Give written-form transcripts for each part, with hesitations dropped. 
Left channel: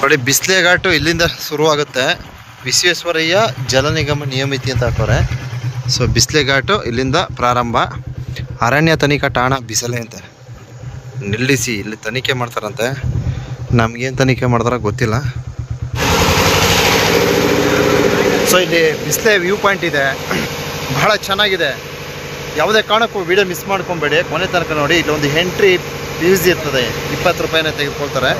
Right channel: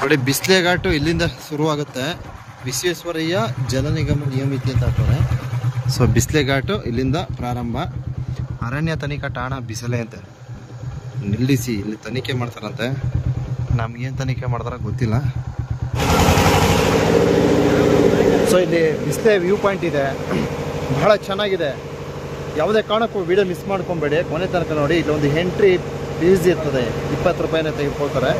ನೋಡಿ ಬಿಸ್ಲೆ ಘಾಟು ಇಲ್ಲಿಂದ ಶುರುವಾಗುತ್ತೆ. ವಿಶ್ವೇಶ್ವರಯ್ಯ ಜಲ ನಿಗಮ ನಿಯಮಿತಿ ಅಂತ ಹಾಕೋರೆ. ಸೊ ಬಿಸ್ಲೆ ಘಾಟು ಇಲ್ಲಿಂದ ಪ್ರಾರಂಭ. ಅರಣ್ಯ ತನಿಖಾ ಠಾಣ ಬಿಸಲೆ ಅಂತೆ ನಿಲ್ಲಿಸಿ ಇಲ್ಲಿ ತನಿಖೆ ಮಾಡ್ತಾರಂತೆ. ನಮಗೇನು ತನಿಖೆ ಮಾಡ್ತಾರೋ ಗೊತ್ತಿಲ್ಲ. ಸೊ ಇಲ್ಲಿ ಬಿಸ್ಲೆ ವ್ಯೂ ಪಾಯಿಂಟ್ ಇದೆ, ಬಹಳ ಚೆನ್ನಾಗಿದೆ. ಯಾವುದೇ ಕಾರಣಕ್ಕೂ ವಿಡಿಯೋ ಮಿಸ್ ಮಾಡ್ಕೊಬೇಡಿ, ಕೊನೆ ತನಕ ನೋಡಿ. ಇಲ್ಲೊಂದು ಎಂಟ್ರಿ ಫೀಸ್ ಇರ್ತದೆ, 20 ರೂಪಾಯಿನ ತೆಗೆದುಕೊಳ್ತಾರೆ.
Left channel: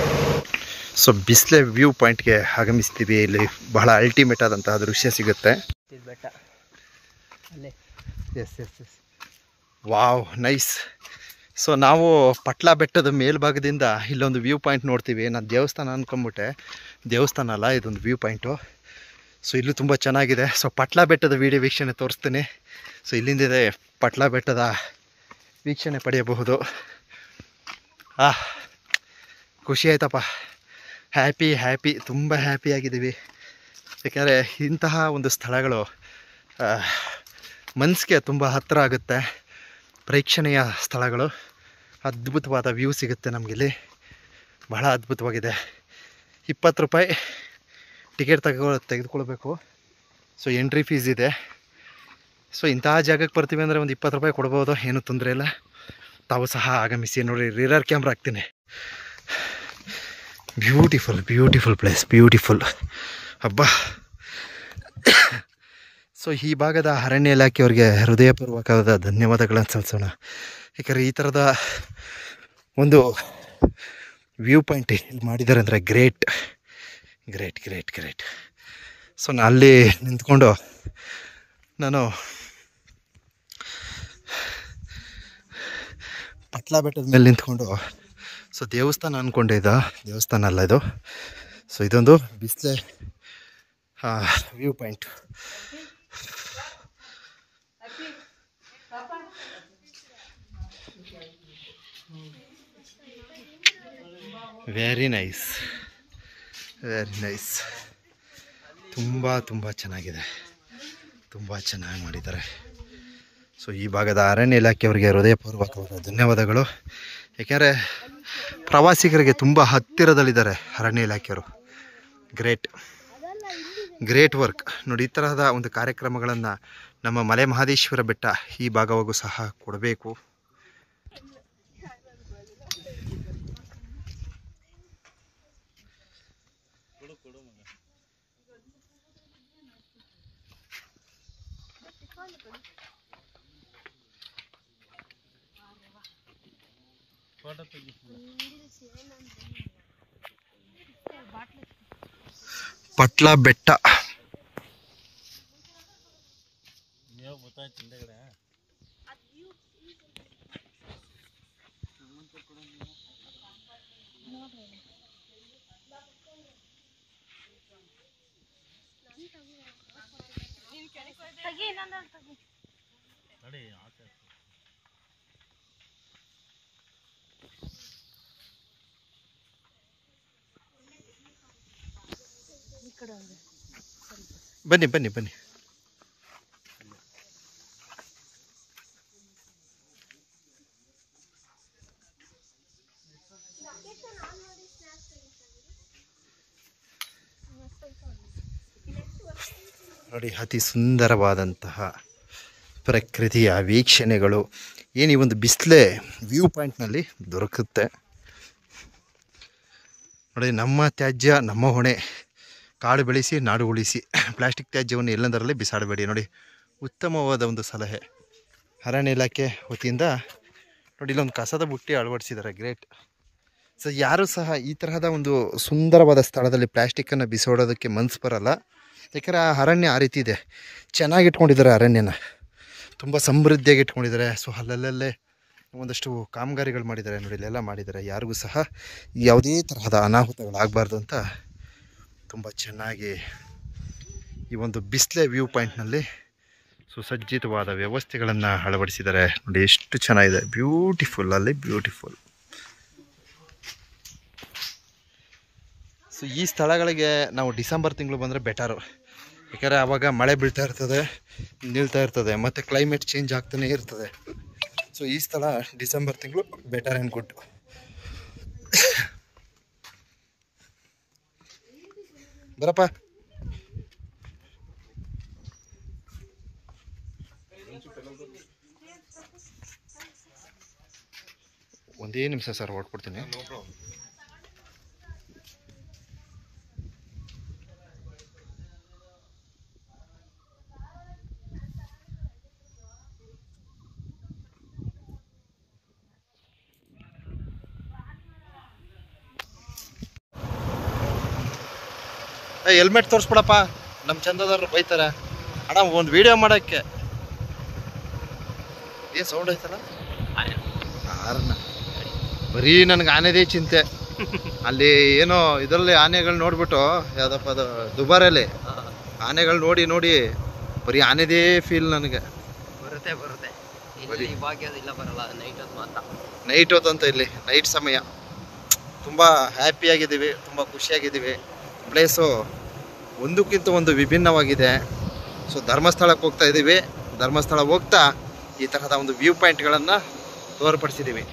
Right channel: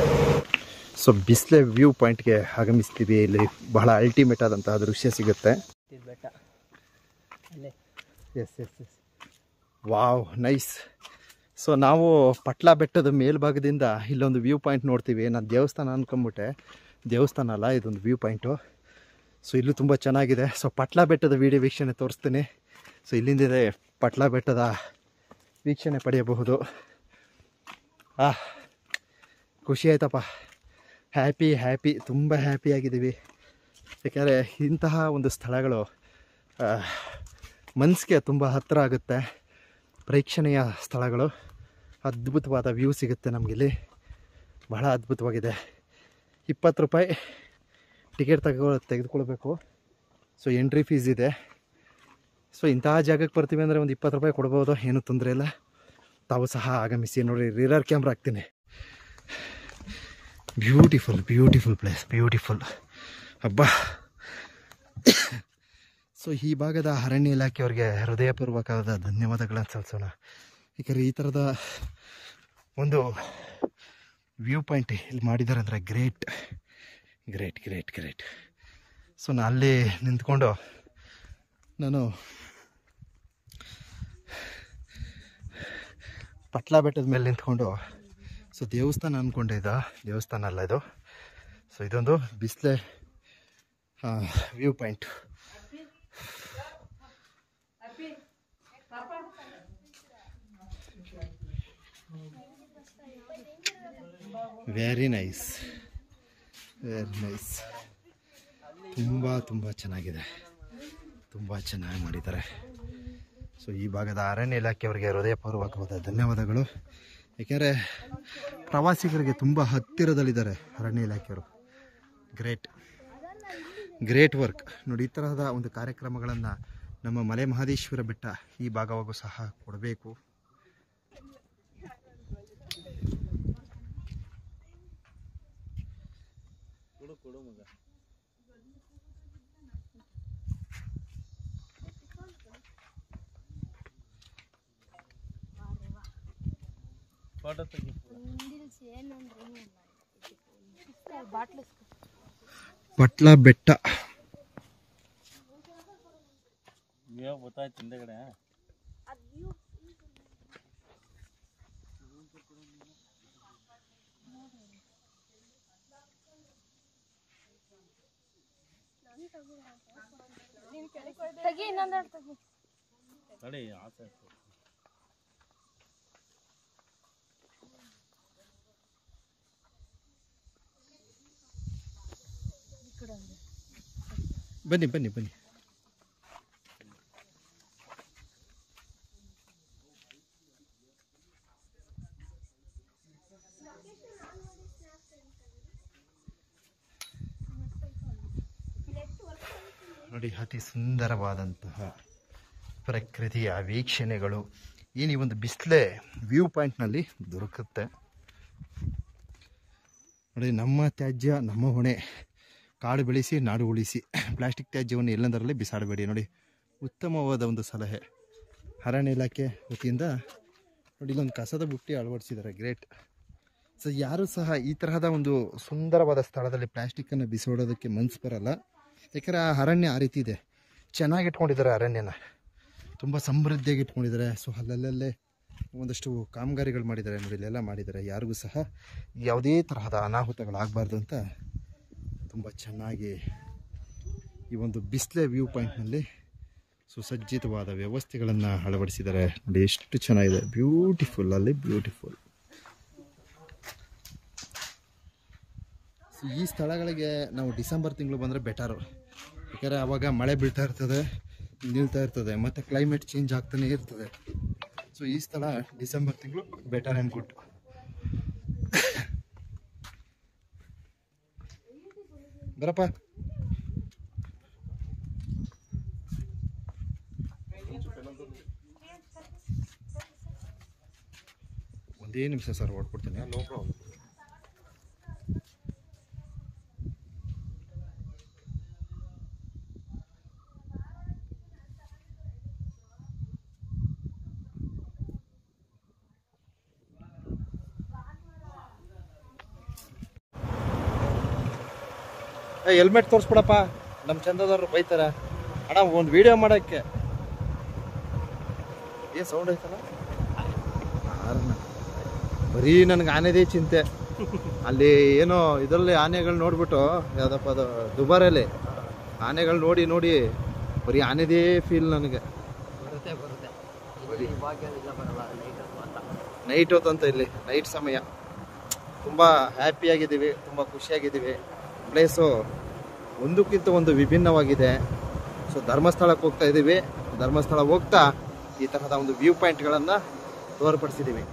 ಸೊ ಬಿಸ್ಲೆ ವ್ಯೂ ಪಾಯಿಂಟ್ಗೆ ಆಗಮಿಸ್ತೀವಿ. ಇಲ್ಲಿ ಬಹಳ ಅಲ್ಟಿಮೇಟ್ ಆದಂತಹ ದೃಶ್ಯ ಸಿಗುತ್ತೆ. Yes yes yes wow, nice. So ನಾವು ಪಟ್ಲ ಬೆಟ್ಟದ ಮೇಲ್ಭಾಗದಿಂದ ಇಲ್ಲೊಂದು ವ್ಯೂ ಪಾಯಿಂಟ್ ನೋಡ್ತೀವಿ. ನಾನು ದೇವಸ್ಥಾನ ಅಂದ್ಕೊಂಬಿಟ್ಟೆ, ದೇವಸ್ಥಾನ ಅಲ್ಲ, ಇದೊಂದು ವ್ಯೂ ಪಾಯಿಂಟು. ಸೊ ಇಲ್ಲೂ ತುಂಬ ಚೆನ್ನಾಗಿದೆ. ಸೊ ಪಟ್ಲ ಬೆಟ್ಟದ ವೀಡಿಯೋ ವೀಕ್ಷಣೆ ತೋರಿಸ್ತೀನಿ. ಸೊ ಇಲ್ಲಿಂದಿದೆ ಪಟ್ಲ ಬೆಟ್ಟದ ವೀಕ್ಷಣೆ ಪಡೆಯಬಹುದು. ಖುಷಿ ಆಯ್ತಪ್ಪ, ಹ್ಯಾಪಿ, ತುಂಬ ಹ್ಯಾಪಿಯಾಗಿದ್ದೀವಿ. ಯಾಕೆಂದರೆ ಇಂತಹ ಒಂದು ಸ್ಥಳಗಳು ಮನಸ್ಸಿಗೆ ತುಂಬ ಹತ್ತಿರ ಆಗುತ್ತೆ. ಪ್ರೇಕ್ಷಣೀಯ ಸ್ಥಳಗಳು, ಅದ್ಭುತವಾದ ವ್ಯೂ ಸಿಗುತ್ತೆ ನಮಗಿಲ್ಲಿ, ಬಹಳ ಅದ್ಭುತವಾಗಿದೆ. 20 ರೂಪಾಯಿ ಟಿಕೆಟ್ ತೆಗೆದುಕೊಳ್ಬೇಕು. ಸೊ ಎಂಟ್ರಿ ಫೀಸ್ ಇದೆ. ಸೊ ಇಂತಹ ಜಾಗಕ್ಕೆ ಬರ್ತೀವಿ ಅಂದರೆ ಒಂದು 20 ರೂಪಾಯಿ ಕೊಡ್ಬೋದು, ಏನೂ ತೊಂದರೆ ಇಲ್ಲ. ತಾವು ಸಹ ಆಗಮಿಸಿ. ನೋಡಿ, ರಿಯರ್ ಕ್ಯಾಮ್ರಾ ಹಾಕ್ತೀನಿ. Beautiful place, beautiful. ಹಬ್ಬ. ಸೊ ಈ ಭಾಗದ ಅರಣ್ಯ ಇಲಾಖೆಯವರಿಗೆ ಹೃದಯಪೂರ್ವಕವಾದ ಧನ್ಯವಾದಗಳನ್ನು ಸಲ್ಲಿಸೋಣ. ಯಾಕಂದರೆ ಈ ಥರದ ಒಂದು ವ್ಯೂ ಪಾಯಿಂಟ್ ಇಲ್ಲಿ ಮಾಡಿದ್ದಾರೆ ಅಂದರೆ ಗ್ರೇಟ್. ಸೊ ನಾನು ಅಲ್ಲಿ ನಿಂತ್ಕೊಂಡು ನಾನು ಪಟ್ಲ ಬೆಟ್ಟದ ಮೇಲೆ ನಿಂತ್ಕೊಂಡು, ಸೊ ದೇವಸ್ಥಾನ ಅಂದ್ಕೊಂಡೆ, ಇದು ದೇವಸ್ಥಾನ ಅಲ್ಲ ಇದು. ಸೊ ಇದೊಂದು ಬಿಸ್ಲೆ ವ್ಯೂ ಪಾಯಿಂಟ್. Very nice. ತುಂಬ ಚೆನ್ನಾಗಿದೆ, ತುಂಬ ಚೆನ್ನಾಗಿ ಮಾಡಿದ್ದಾರೆ. ಸೊ ಈ ಭಾಗದ ಅರಣ್ಯ ಇಲಾಖೆಯವರಿಗೆ ಹೃದಯಪೂರ್ವಕವಾದ ಧನ್ಯವಾದಗಳು. ಏಕೆಂದರೆ ಪ್ರವಾಸಿಗರಿಗೆ ತುಂಬ ಹತ್ತಿರದಲ್ಲಿದ್ದಾರೆ ಅರಣ್ಯ ಇಲಾಖೆಯವರು. Great work. ನೋಡಿ, ಈ ತರಹದ ಒಂದು ಕಾರ್ಯಕ್ರಮಗಳನ್ನು ನಮ್ಮ ಮಲೆ ಮಹದೇಶ್ವರ ಬೆಟ್ಟ ಈ ಭಾಗವಾಗೂ ಸಹ ಕೊಡಬೇಕು. ಪಟ್ಲ ಬೆಟ್ಟ ಬನ್ನಿ. ನೋಡಿ, ಅತಿ ಸುಂದರವಾದಂತಹ ಪ್ರಕೃತಿಯ ವೀಕ್ಷಣೆಗಳು ಏನು ಈ ಒಂದು ಬಿಸ್ಲೆ ವ್ಯೂ ಪಾಯಿಂಟ್ನಲ್ಲಿ ದೊರಕುತ್ತೆ. ನೋಡಿ, ನಮ್ಮ ತ್ಯಾಜ್ಯ ನಮ್ಮ ಹೊಣೆ. ಕಾಡು ಬೆಳೆಸಿ ನಾಡು ಉಳಿಸಿ. ಪ್ಲಾಸ್ಟಿಕ್ ತ್ಯಾಜ್ಯವನ್ನು ಎಲ್ಲೆಂದರಲ್ಲಿ ಬಿಸಾಡಬೇಡಿ. ನೋಡಿ, ಉತ್ತಮವಾದ ಒಂದು ಸಲಹೆ ಅರಣ್ಯ ಇಲಾಖೆ ವತಿಯಿಂದ. ನೋಡಿ, ಇಲ್ಲೊಂದು ಕಸದ ಬುಟ್ಟಿ ಅಳವಡಿಸಿದ್ದಾರೆ. ಗ್ರೇಟ್. ಸೊ ಯಾರೂ ಸಹ ಈ ತರಹದ ಒಂದು ಸುಂದರವಾದ ಸ್ಥಳದಲ್ಲಿ ಪ್ಲಾಸ್ಟಿಕ್ಕನ್ನು ಬಿಸಾಡೋದಕ್ಕೆ ಮನಸ್ಸು ಬರಲ್ಲ. ಯಾಕಂದರೆ ಆ ಅರಣ್ಯ ಆ ರೀತಿ ಇದೆ, ಚೆನ್ನಾಗಿ ಇಟ್ಕೊಂಡಿದ್ದಾರೆ ಅರಣ್ಯನ, ತುಂಬ ಸಮೃದ್ಧಿಯಾಗಿ ಇಟ್ಕೊಂಡಿದ್ದಾರೆ. ಸೊ ಅಲ್ಲಲ್ಲೇ ಒಂದಷ್ಟು ಕಾಮಗಾರಿಗಳು ಮಾಡಿದ್ದಾರೆ. ನೋಡಿ, ಇಲ್ಲೆಲ್ಲ ಮಾಡಿದ್ದಾರೆ. ಯಾರಿಗೂ ಸಹ ಯಾವುದೇ ತರಹದ ಅನಾಹುತಗಳಾಗಬಾರ್ದು ಅಂತ ತುಂಬ ಚೆನ್ನಾಗಿ ಈ ಒಂದು ಬಿಸ್ಲೆ ವ್ಯೂ ಪಾಯಿಂಟ್ನಲ್ಲಿ ಸುಸಜ್ಜಿತವಾದ ವ್ಯವಸ್ಥೆಗಳನ್ನು ಅಳವಡಿಸಿದ್ದಾರೆ. ನೋಡಿ, ಎಷ್ಟು ಚೆನ್ನಾಗಿದೆ. ಬ್ಯೂಟಿಫುಲ್. ಸೊ ಈ ಸ್ಥಳಗಳಿಗೆ ನಾವು ಡಿಸೆಂಬರ್ ತಿಂಗಳು ಬಂದರೆ ಬೆಟರು. ಯಾಕಂದರೆ ಆವಾಗ ಮಳೆ ಬೀಳ್ತಾ ಇರ್ತದೆ, ನಿಲ್ತಾ ಇರ್ತದೆ, ಮತ್ತು ಕ್ಲೈಮೇಟ್ ಚೇಂಜ್ ಆಗ್ತಾನೆ ಇರ್ತದೆ. ಸೊ ಈ ಸ್ಥಳ ಡಿಸೆಂಬರ್ ತಿಂಗಳು ಬೆಟರ್ ಆ್ಯಂಡ್ ಗುಡ್. ಬರಪ್ಪ. ಒಂದೇ ನಿಮಿಷ ಸರ್ ಹೊಡ್ಕೊಡ್ತೀನಿ. ಹೆಲ್ಮೆಟ್ ತೋರಿಸ್ಬಿಡಪ್ಪ, ನಮ್ಮ ಚಂದದವ್ರು ಬೈತಾರೆ. ಅಣ್ಣ ಒಂದು ವಿಡಿಯೋ ಮಾಡೋಕ್ಕೆ ಏನು ಸೌಂಡ್ ಐತಲ್ಲ ಆರನ್ನ. ಬರೀ ನನಗೆ ಆನೆದೇ ಚಿಂತೆ. ಅಲ್ಲಿ ಏನೋ ಇದರಲ್ಲಿ ಆನೆಗಳು ನೋಡ್ಬಿಟ್ಟು, ಯಾವುದಪ್ಪ ಅದು ದುಬಾರಲ್ಲಿ ಆನೆಗಳು ನೋಡಿ ನೋಡಿ ಬರೀ ಆನೆದೇ ಫೀಲ್ ನನಗೆ. ಬರುತ್ತೆ ನೈಟ್ ಹೊತ್ತಂತ ಇಲ್ಲಿ ನೈಟ್ ಸಮಯ ತುಂಬ ಹ್ಯಾಪಿಯಾಗಿದ್ದೀವಿ, ತುಂಬ ಖುಷಿಯಾಗಿದ್ದೀವಿ. ಪ್ಲೇಸು ಒಂದಕ್ಕಿಂತ ಒಂದು ವಿಭಿನ್ನವಾಗಿದೆ. ಸೊ ಧರ್ಮಸ್ಥಳಕ್ಕೆ ಹೋಗ್ತಾ ಇದ್ದೀವಿ. ಧರ್ಮಸ್ಥಳ ಹೋಗ್ತಾ ಈ ತರಹದ ಒಂದು ವ್ಯೂ ಪಾಯಿಂಟ್ಗಳನ್ನು ತೋರ್ಪಡಿಸಿದ್ದೀವಿ.